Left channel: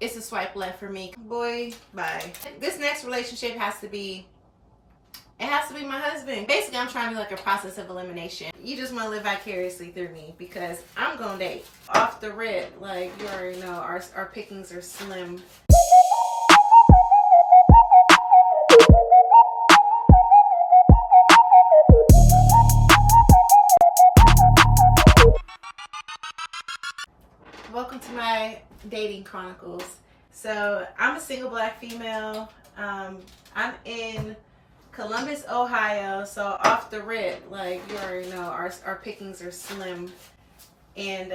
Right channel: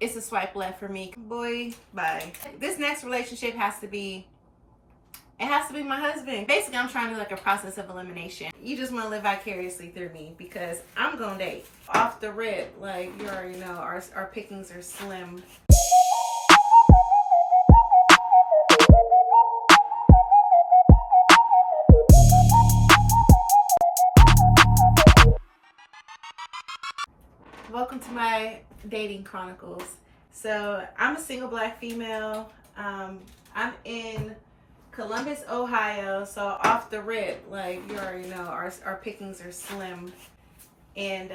it's a swipe left for me. Boy, bye. This next relationship has to be my husband. Basically, I'm trying to do like a process of elimination. You just want to live vicariously through me because I'm gonna date. Off the rip, like you already know, our pickings are slim. Welcome to my dating chronicles. So I'm a single black female. I'm in Columbus, Ohio. So off the rip, like you already know, our pickings are slim. And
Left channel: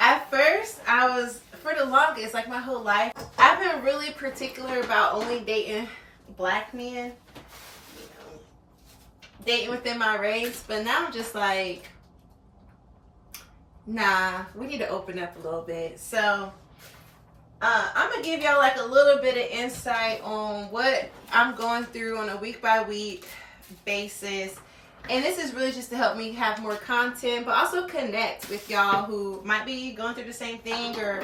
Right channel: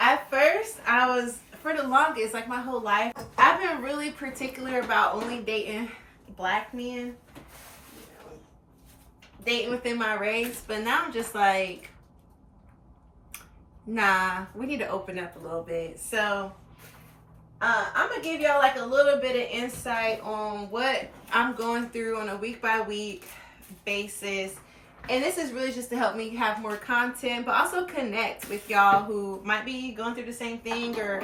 at first, I was, for the longest, like my whole life, I've been really particular about only dating black men, dating within my race. But now I'm just like, nah, we need to open up a little bit. So I'm gonna give y'all like a little bit of insight on what I'm going through on a week by week basis. And this is really just to help me have more content, but also connect with y'all who might be going through the same thing or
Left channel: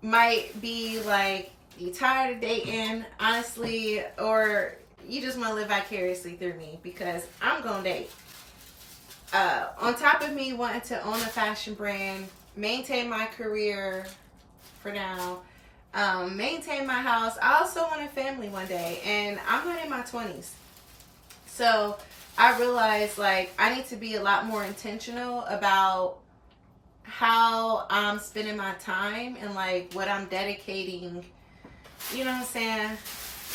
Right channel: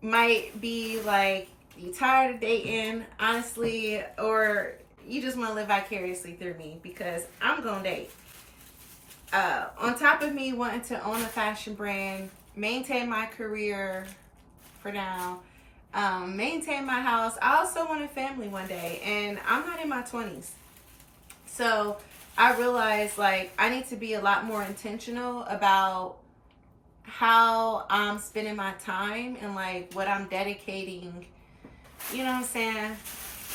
might be like, you tired of dating, honestly, or you just want to live vicariously through me because I'm gonna date. On top of me wanting to own a fashion brand, maintain my career for now, maintain my house, I also want a family one day, and I'm not in my 20s. So I realized like I need to be a lot more intentional about how I'm spending my time and like what I'm dedicating, you know what I'm saying?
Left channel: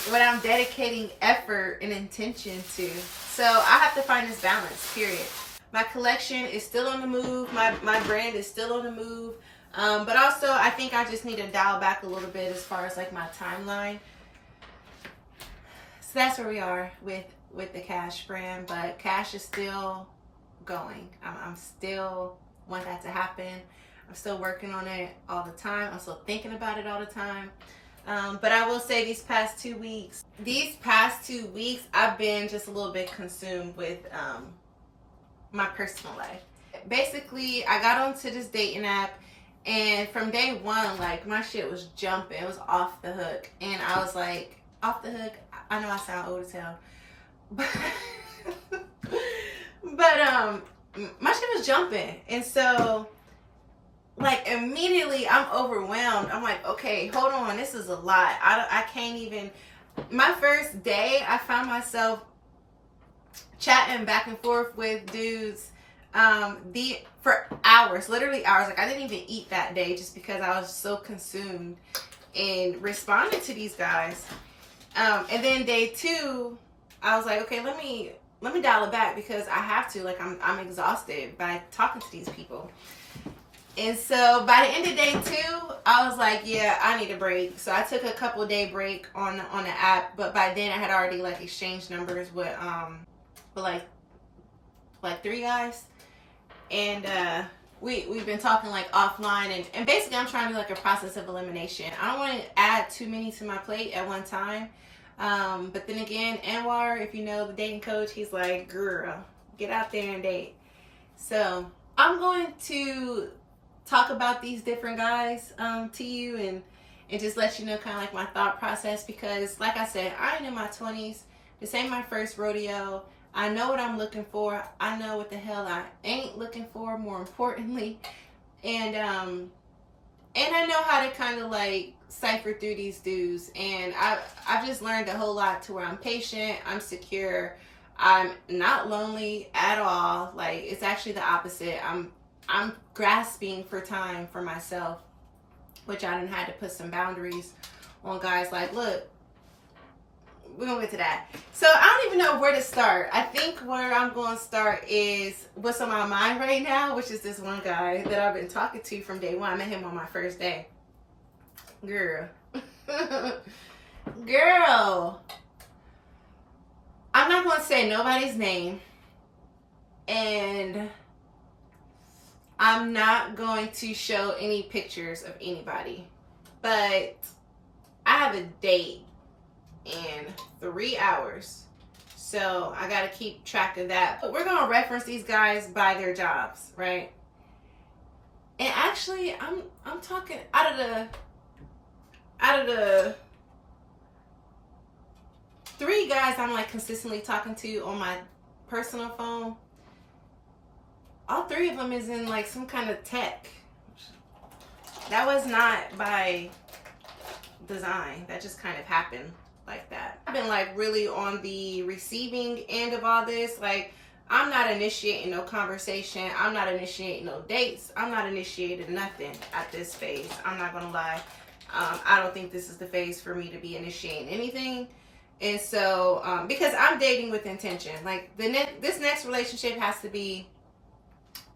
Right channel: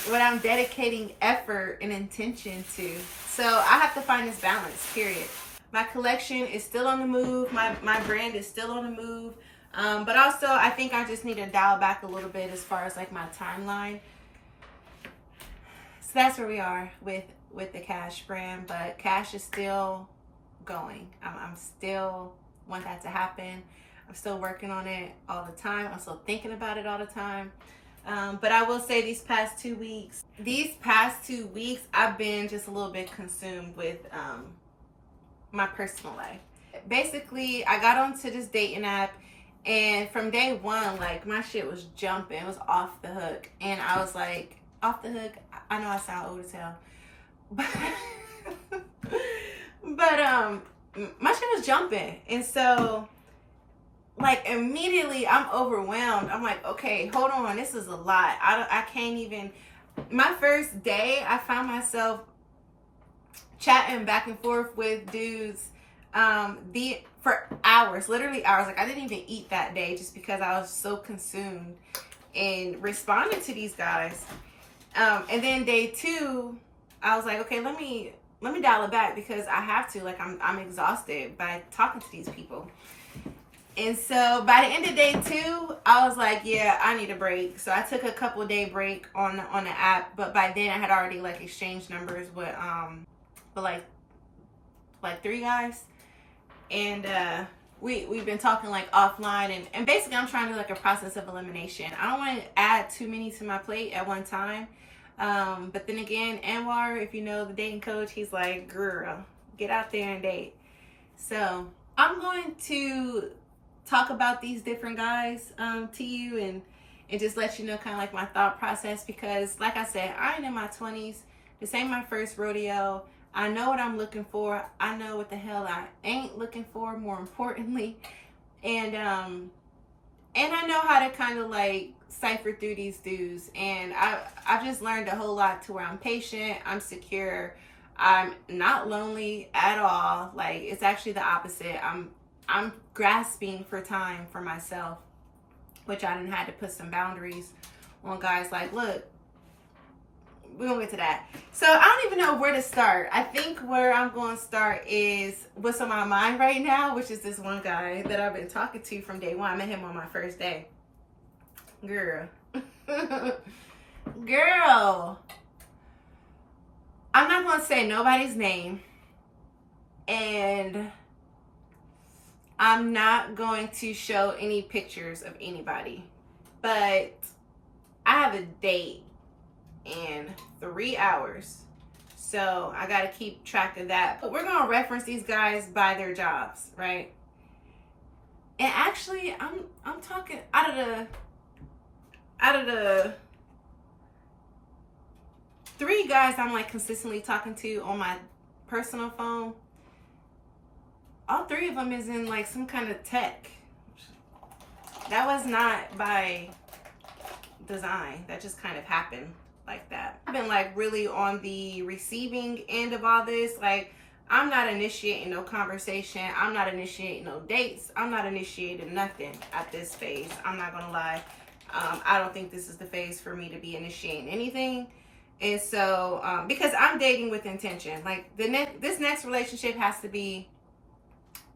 What I'm dedicating effort and intention to. So I have to find this balance, period. My collection is still on the move. My brand is still on the move. But also, I think I just need to dial back a little bit as far as like my timeline. So that's where we are with the Cash brand. But Cash is still going. I'm still want that to happen. I'm still working on it all the time. I'm still thinking about it all the time. But I will say these past 2 weeks, I've been just a little bit consumed with my personal life. Basically, I got onto this dating app, and from day one, like my shit was jumping. It was off the hook, and I was like, off the hook. I know I sound old as hell, but my shit was jumping, and so like immediately I'm overwhelmed. I'm like, okay, hold on, this is a lot. I can't even. My first day, I found myself chatting back and forth with dudes for hours, literally hours. Like I didn't even eat that day just because I was so consumed in responding to these guys. And then day 2, I was like, okay, let me dial it back because I have to. Like I'm exhausted by talking to these people. And so by the end of day 2, I was like, yeah, I need a break. So I took a couple day break on the app, but by then I had already like exchanged numbers with like 3 guys, and we've been talking like offline, and basically I'm trying to do like a process of elimination. I don't want to add too many to my plate at one time, but then again, Anwar, if you know the dating coach, he's like, girl, get out there and date. So I'm going to talk about these different guys to you and just let you know kind of like my thought process, because like I said, I ain't in my 20s. This ain't my first rodeo. I know what I'm looking for. I know what the hell I ain't looking for, more importantly. And I know how to kind of like cipher through these dudes. And I've just learned a whole lot to where I'm patient, I'm secure, I'm not lonely at all. Like it's actually the opposite. I'm grasping for time for myself, which I done had to put some boundaries on guys. Like, look, we're gonna get to that. So I don't even know where to start. I think where I'm going to start is what's on my mind right now, which is this one guy that I've been talking to from day 1. I met him on my first day. Girl. Girl. I'm not going to say nobody's name. And I'm not going to show any pictures of anybody. But I have a date in 3 hours, so I got to keep track of that. But we're going to reference these guys by their jobs, right? And actually, I'm talking out of out of the 3 guys I'm like consistently talking to on my personal phone, all 3 of them is in like some kind of tech. That was not by design. That just kind of happened like that. I've been like really on the receiving end of all this. Like, I'm not initiating no conversation. I'm not initiating no dates. I'm not initiating nothing at this phase. I'm not gonna lie. I don't think this is the phase for me to be initiating anything. And so, because I'm dating with intention. Like, this next relationship has to be,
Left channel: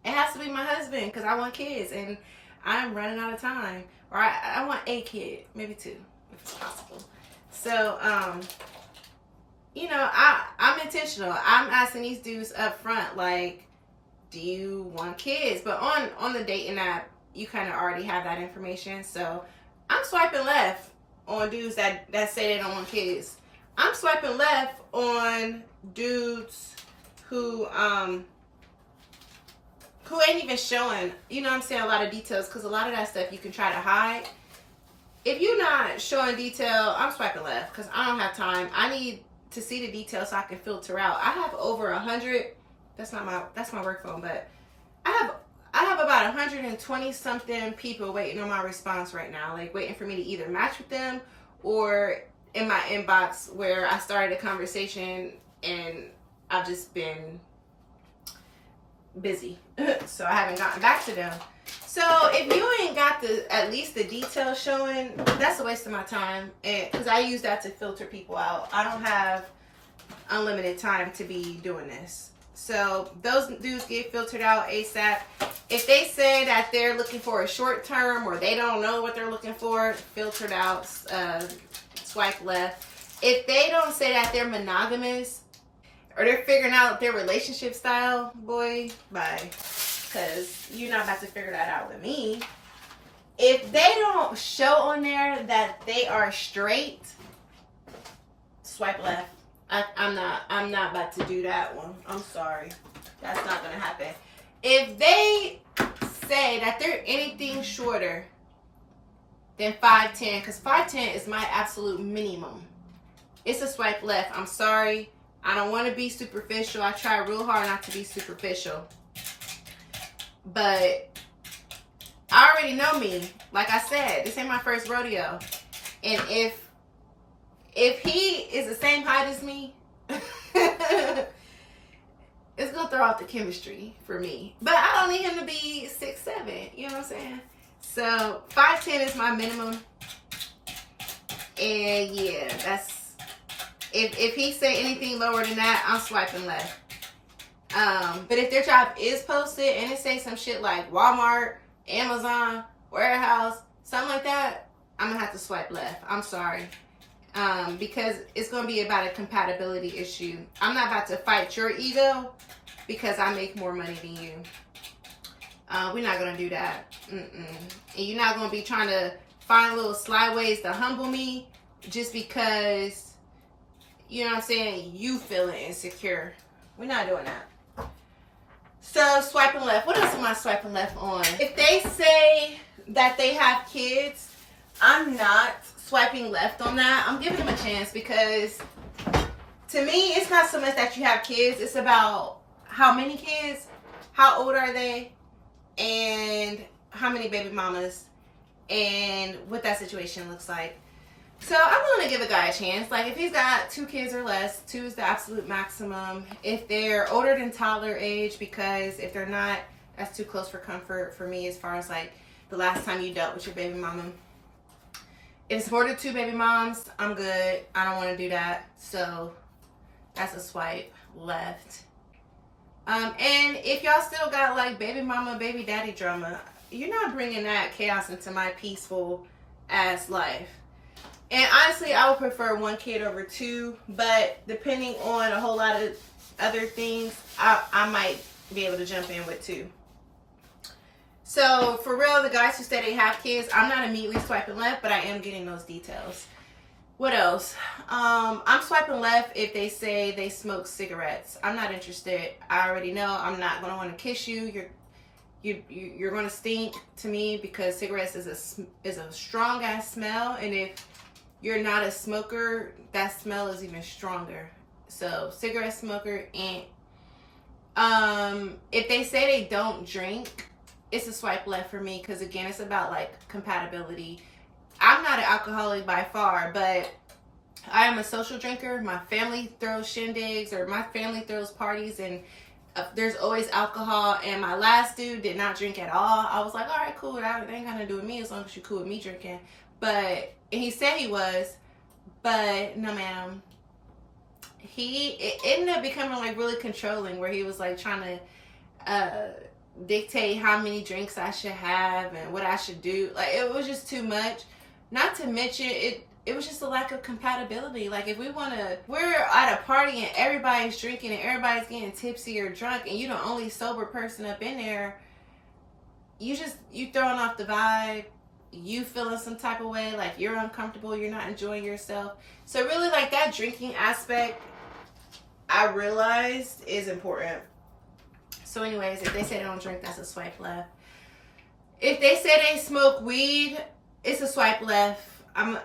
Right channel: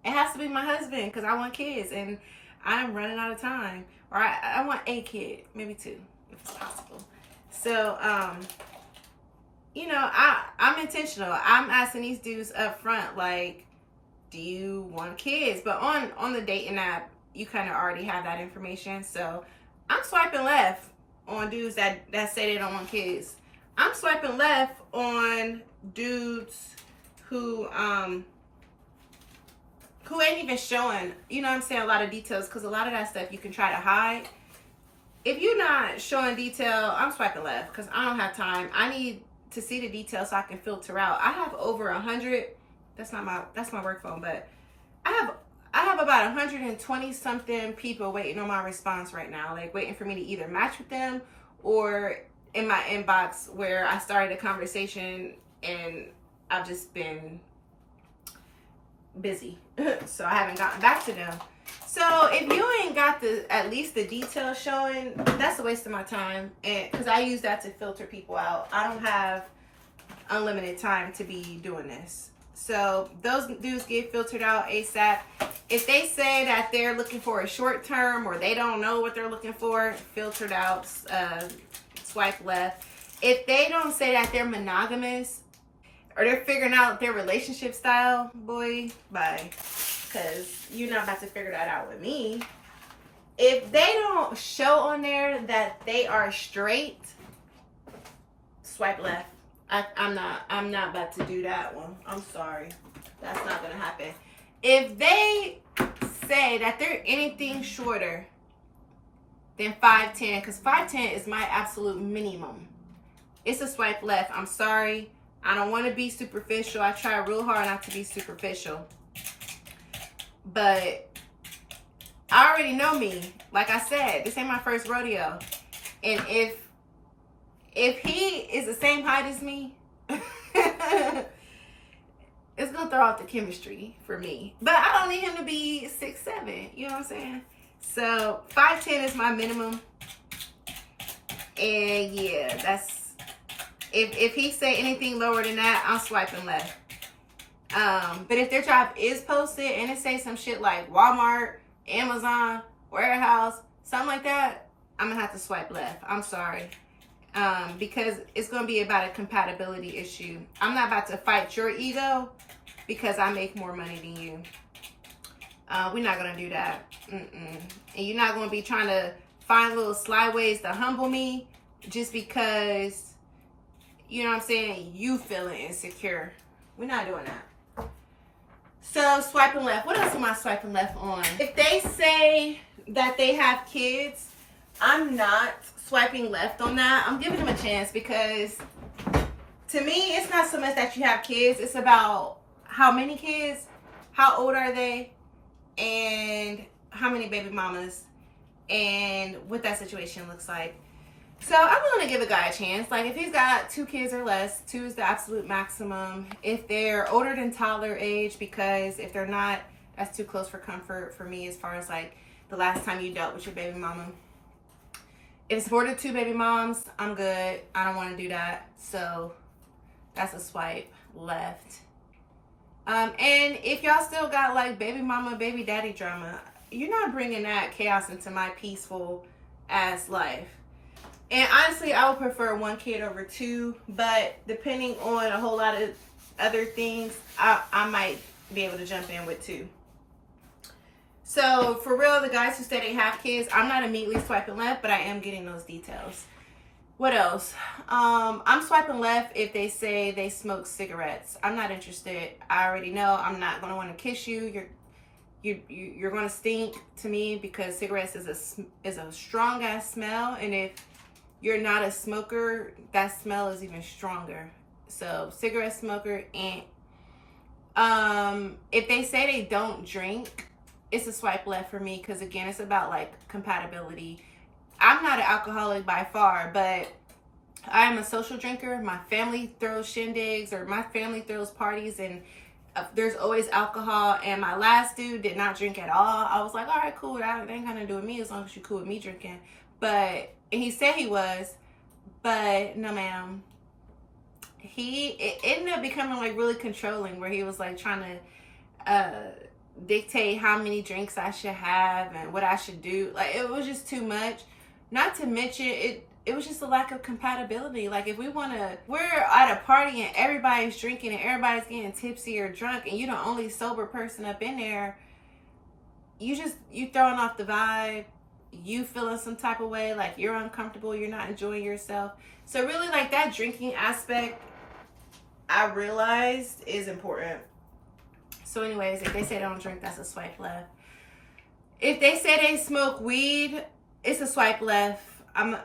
it has to be my husband, because I want kids and I'm running out of time. Or I want a kid, maybe 2, if it's possible. So, you know, I'm intentional. I'm asking these dudes up front, like, do you want kids? But on the dating app, you kind of already have that information. So I'm swiping left on dudes that say they don't want kids. I'm swiping left on dudes who ain't even showing, you know what I'm saying, a lot of details, because a lot of that stuff you can try to hide. If you're not showing detail, I'm swiping left, because I don't have time. I need to see the details so I can filter out. I have over 100, that's my work phone, but I have about 120 something people waiting on my response right now, like waiting for me to either match with them or in my inbox where I started a conversation and I've just been busy. So I haven't gotten back to them. So if you ain't got at least the details showing, that's a waste of my time. And because I use that to filter people out. I don't have unlimited time to be doing this. So those dudes get filtered out ASAP. If they say that they're looking for a short term or they don't know what they're looking for, filtered out, swipe left. If they don't say that they're monogamous or they're figuring out their relationship style, boy, bye. Because you're not about to figure that out with me. If they don't show on there that they are straight, swipe left. I'm not about to do that one. I'm sorry. That's not gonna happen. If they say that they're anything shorter than 5'10", because 5'10" is my absolute minimum, it's a swipe left. I'm sorry. I don't want to be superficial. I try real hard not to be superficial. But I already know me. Like I said, this ain't my first rodeo. And if he is the same height as me, it's gonna throw off the chemistry for me. But I don't need him to be 6'7". You know what I'm saying? So 5'10" is my minimum. And yeah, that's if he say anything lower than that, I'm swiping left. But if their job is posted and it say some shit like Walmart, Amazon, warehouse, something like that, I'm gonna have to swipe left. I'm sorry. Because it's gonna be about a compatibility issue. I'm not about to fight your ego because I make more money than you. We're not gonna do that. And you're not gonna be trying to find little sly ways to humble me just because, you know what I'm saying, you feeling insecure. We're not doing that. So swiping left. What else am I swiping left on? If they say that they have kids, I'm not swiping left on that. I'm giving them a chance because to me, it's not so much that you have kids. It's about how many kids, how old are they, and how many baby mamas, and what that situation looks like. So I'm willing to give a guy a chance. Like if he's got 2 kids or less, 2 is the absolute maximum. If they're older than toddler age, because if they're not, that's too close for comfort for me as far as like the last time you dealt with your baby mama. If it's more than 2 baby moms, I'm good. I don't want to do that. So that's a swipe left. And if y'all still got like baby mama, baby daddy drama, you're not bringing that chaos into my peaceful ass life. And honestly, I would prefer 1 kid over 2, but depending on a whole lot of other things, I might be able to jump in with 2. So for real, the guys who say they have kids, I'm not immediately swiping left, but I am getting those details. What else? I'm swiping left if they say they smoke cigarettes. I'm not interested. I already know I'm not going to want to kiss you. you're gonna stink to me, because cigarettes is a strong ass smell, and if you're not a smoker, that smell is even stronger. So cigarette smoker, and if they say they don't drink, it's a swipe left for me, because again, it's about like compatibility. I'm not an alcoholic by far, but I am a social drinker. My family throws shindigs, or my family throws parties, and there's always alcohol. And my last dude did not drink at all. I was like, all right, cool. That ain't gonna do with me as long as you're cool with me drinking. And he said he was, but no, ma'am. It ended up becoming like really controlling, where he was like trying to dictate how many drinks I should have and what I should do. Like, it was just too much. Not to mention, it was just a lack of compatibility. Like, if we're at a party and everybody's drinking and everybody's getting tipsy or drunk, and you're the only sober person up in there, you throwing off the vibe. You feeling some type of way, like you're uncomfortable, you're not enjoying yourself. So really, like, that drinking aspect, I realized, is important. So anyways, if they say they don't drink, that's a swipe left. If they say they smoke weed, it's a swipe left. I'm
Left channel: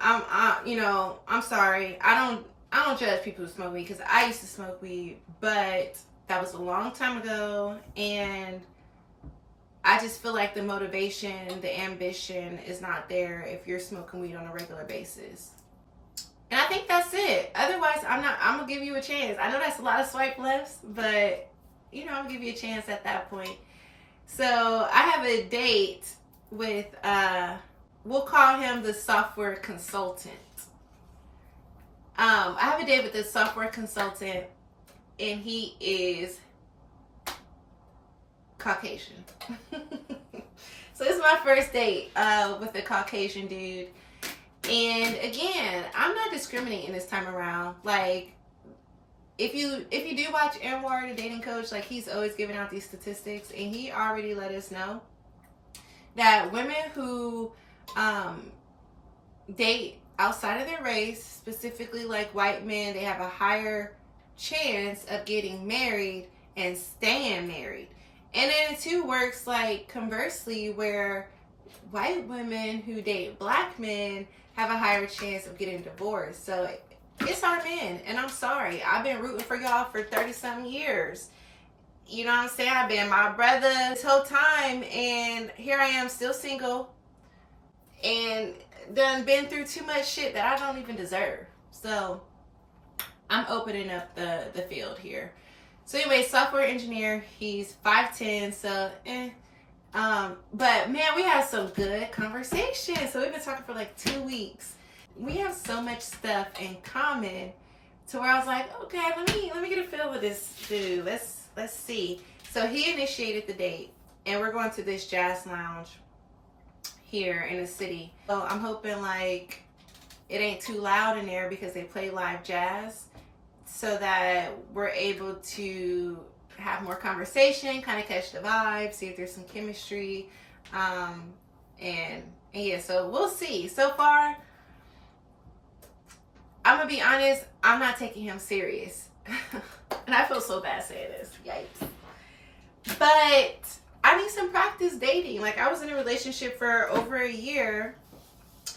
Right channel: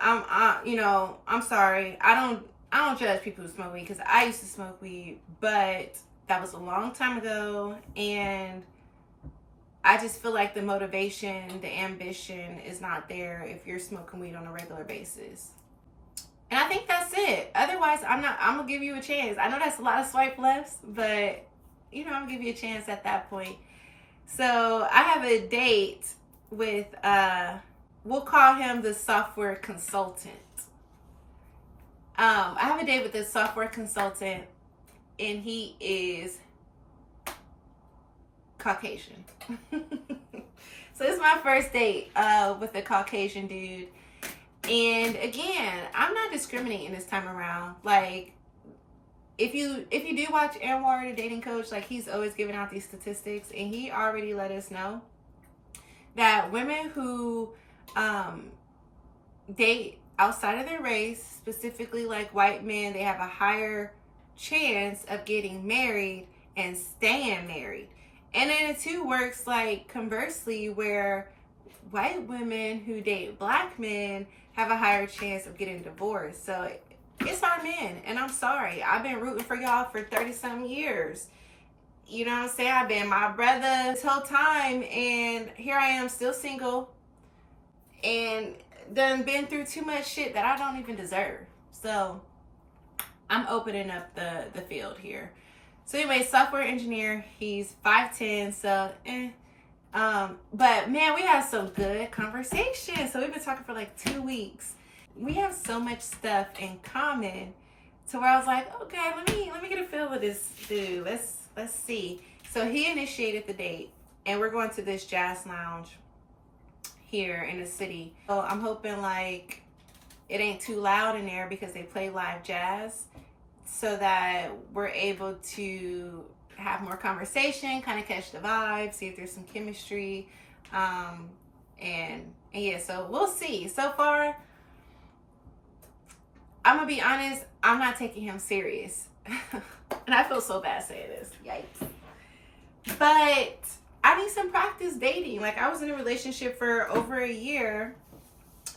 sorry. I don't judge people who smoke weed, because I used to smoke weed, but that was a long time ago, and I just feel like the motivation, the ambition is not there if you're smoking weed on a regular basis. And I think that's it. Otherwise, I'm gonna give you a chance. I know that's a lot of swipe lefts, but I'm gonna give you a chance at that point. So I have a date with we'll call him the software consultant. I have a date with this software consultant, and he is Caucasian. So it's my first date with a Caucasian dude. And again, I'm not discriminating this time around. Like, if you do watch Anwar, the dating coach, like, he's always giving out these statistics, and he already let us know that women who date outside of their race, specifically like white men, they have a higher chance of getting married and staying married. And then it too works like conversely, where white women who date black men have a higher chance of getting divorced. So it's our men, and I'm sorry. I've been rooting for y'all for 30-something years. You know what I'm saying? I've been my brother this whole time, and here I am still single, and done been through too much shit that I don't even deserve. So I'm opening up the field here. So anyway, software engineer, he's 5'10", so but man, we had some good conversation. So we've been talking for like 2 weeks. We have so much stuff in common to where I was like, okay, let me get a feel of this dude. Let's see. So he initiated the date, and we're going to this jazz lounge here in the city. So I'm hoping like it ain't too loud in there, because they play live jazz, so that we're able to have more conversation, kind of catch the vibe, see if there's some chemistry, and yeah, so we'll see. So far, I'm gonna be honest, I'm not taking him serious. And I feel so bad saying this, yikes. But I need some practice dating. Like, I was in a relationship for over a year,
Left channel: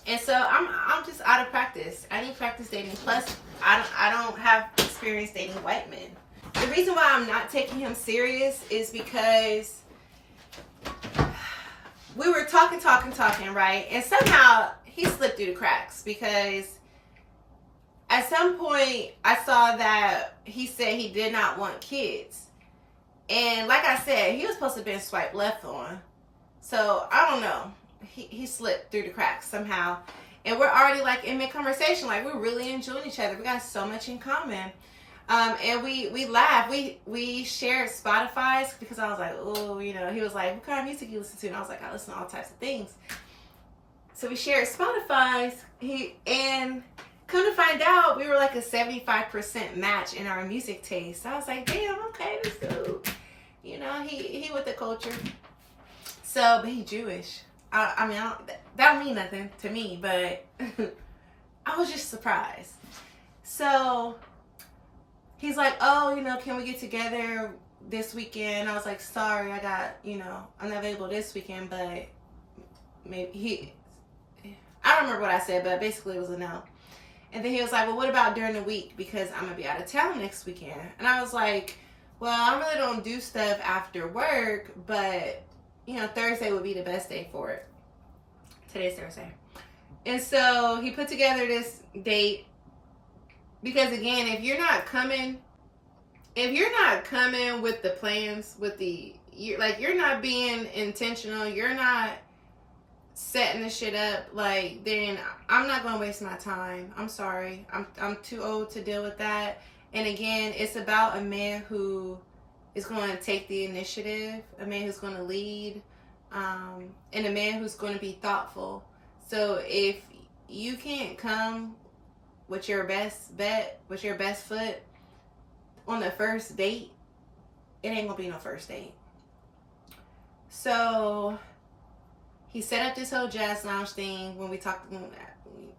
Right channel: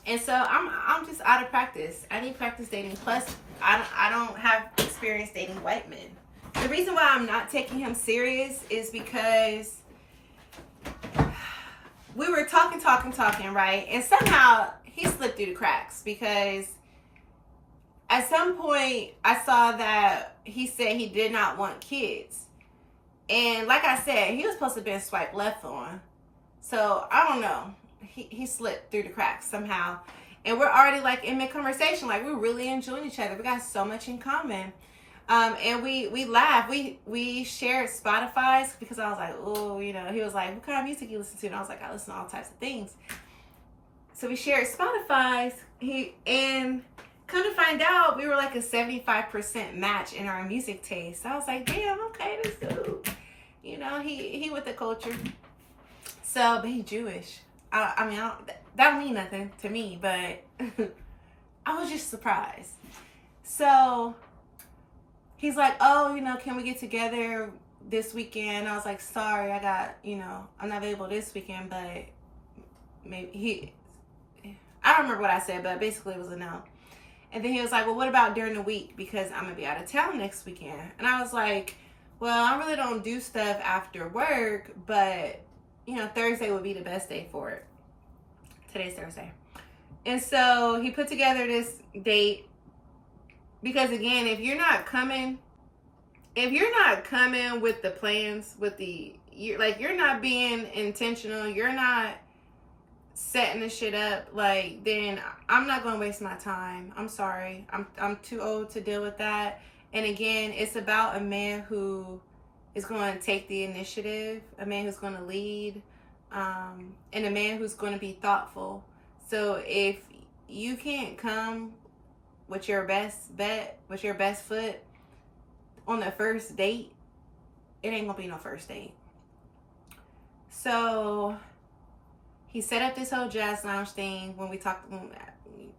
and so I'm just out of practice. I need practice dating. Plus, I don't have experience dating white men. The reason why I'm not taking him serious is because we were talking, right? And somehow he slipped through the cracks, because at some point I saw that he said he did not want kids. And like I said, he was supposed to have been swiped left on. So I don't know. He slipped through the cracks somehow. And we're already like in mid-conversation. Like, we're really enjoying each other. We got so much in common. And we laughed. We shared Spotify's, because I was like, oh, he was like, what kind of music you listen to? And I was like, I listen to all types of things. So we shared Spotify's. And come to find out, we were like a 75% match in our music taste. So I was like, damn, okay, this dude, he with the culture. So, but he Jewish. That don't mean nothing to me, but I was just surprised. So he's like, oh, can we get together? this weekend. I was like, sorry, I got, I'm not available this weekend, but maybe I don't remember what I said, but basically it was a no. And then he was like, well, what about during the week? Because I'm going to be out of town next weekend. And I was like, well, I really don't do stuff after work, but, Thursday would be the best day for it. Today's Thursday. And so he put together this date because, again, if you're not coming with the plans, you're not being intentional, you're not setting the shit up, like, then I'm not going to waste my time. I'm sorry. I'm too old to deal with that. And again, it's about a man who is going to take the initiative, a man who's going to lead, and a man who's going to be thoughtful. So if you can't come with your best foot on the first date, it ain't going to be no first date. So he set up this whole jazz lounge thing when we talked,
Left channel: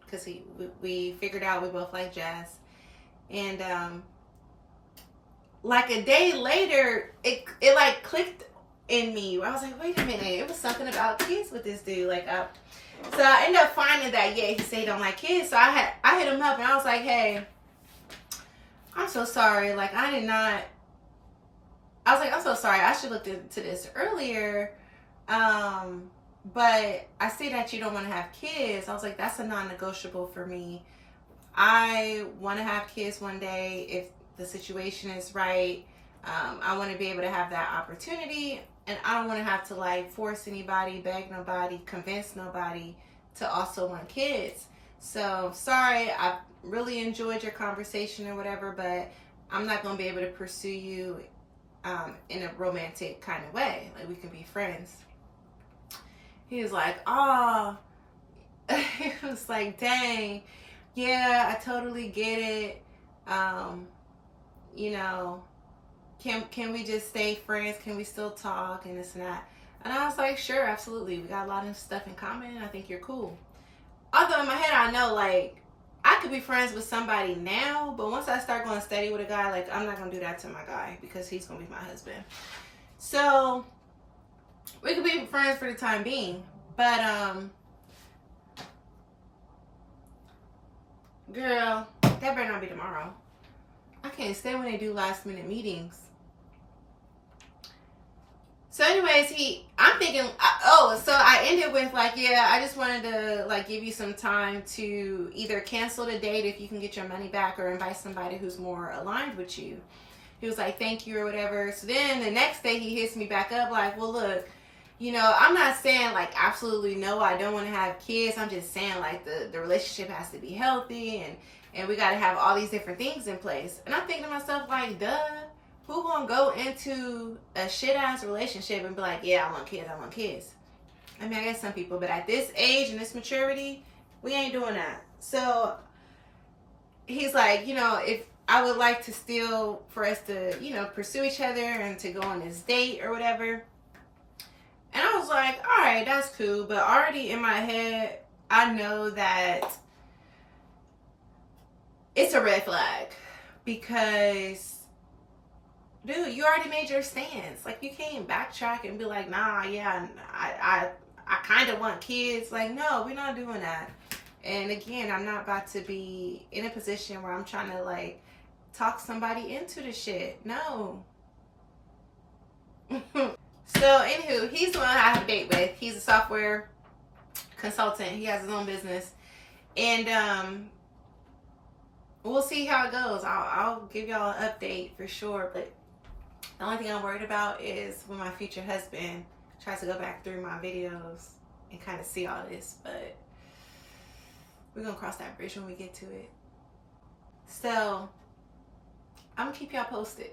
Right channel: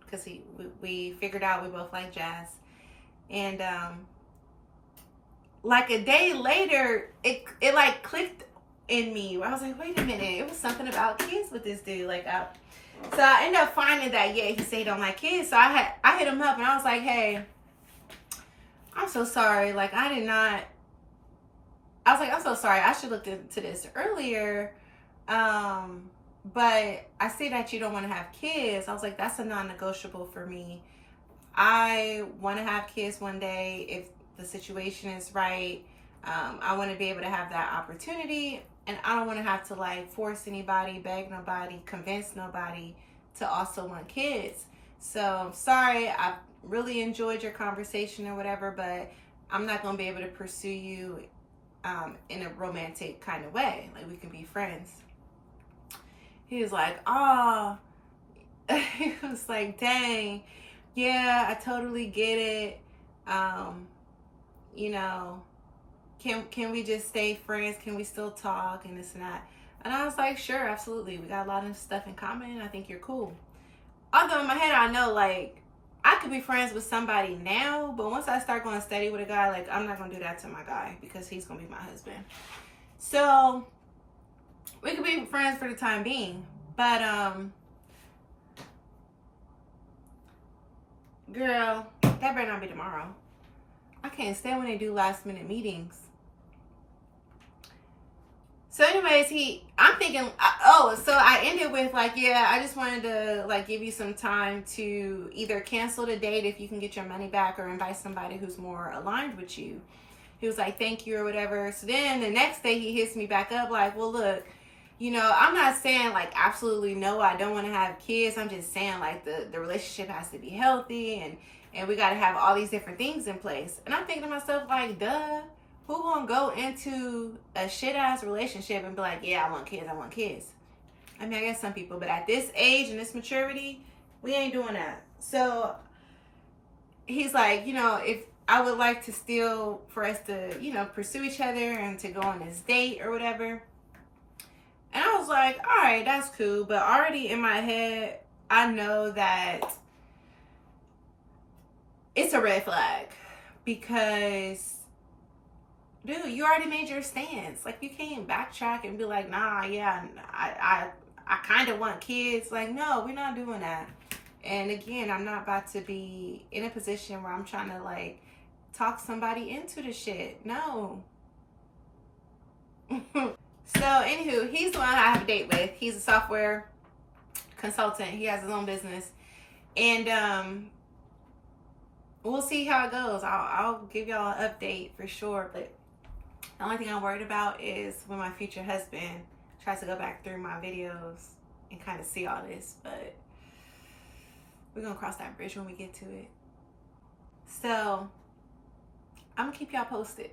because we figured out we both like jazz. And like a day later, it like clicked in me. I was like, wait a minute, it was something about kids with this dude. So I ended up finding that, he said he don't like kids. So I hit him up and I was like, hey, I'm so sorry. I'm so sorry. I should look into this earlier. But I see that you don't want to have kids. I was like, that's a non-negotiable for me. I want to have kids one day if the situation is right. I want to be able to have that opportunity, and I don't want to have to force anybody, beg nobody, convince nobody to also want kids. So sorry, I really enjoyed your conversation or whatever, but I'm not going to be able to pursue you in a romantic kind of way. We can be friends. He was like, oh, he was like, dang, yeah, I totally get it. Can we just stay friends? Can we still talk and this and that? And I was like, sure, absolutely. We got a lot of stuff in common. I think you're cool. Although in my head, I know, I could be friends with somebody now, but once I start going steady with a guy, I'm not going to do that to my guy because he's going to be my husband. So we could be friends for the time being, but girl, that better not be tomorrow. I can't stand when they do last minute meetings. So anyways, I'm thinking, so I ended with I just wanted to give you some time to either cancel the date if you can get your money back or invite somebody who's more aligned with you. He was like, thank you or whatever. So then the next day he hits me back up well, look, I'm not saying absolutely no, I don't want to have kids. I'm just saying the relationship has to be healthy and we got to have all these different things in place. And I'm thinking to myself duh, who gonna go into a shit ass relationship and be like, yeah, I want kids. I mean, I guess some people, but at this age and this maturity, we ain't doing that. So he's like, if I would like to still for us to, pursue each other and to go on this date or whatever. And I was like, all right, that's cool. But already in my head, I know that it's a red flag because, dude, you already made your stance. You can't backtrack and be like, nah, yeah, I kind of want kids. No, we're not doing that. And again, I'm not about to be in a position where I'm trying to talk somebody into the shit. No. So, anywho, he's the one I have a date with. He's a software consultant. He has his own business. And we'll see how it goes. I'll give y'all an update for sure. But the only thing I'm worried about is when my future husband tries to go back through my videos and kind of see all this. But we're going to cross that bridge when we get to it. So, I'm going to keep y'all posted.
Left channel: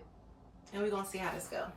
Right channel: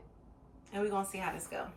And we're going to see how this goes.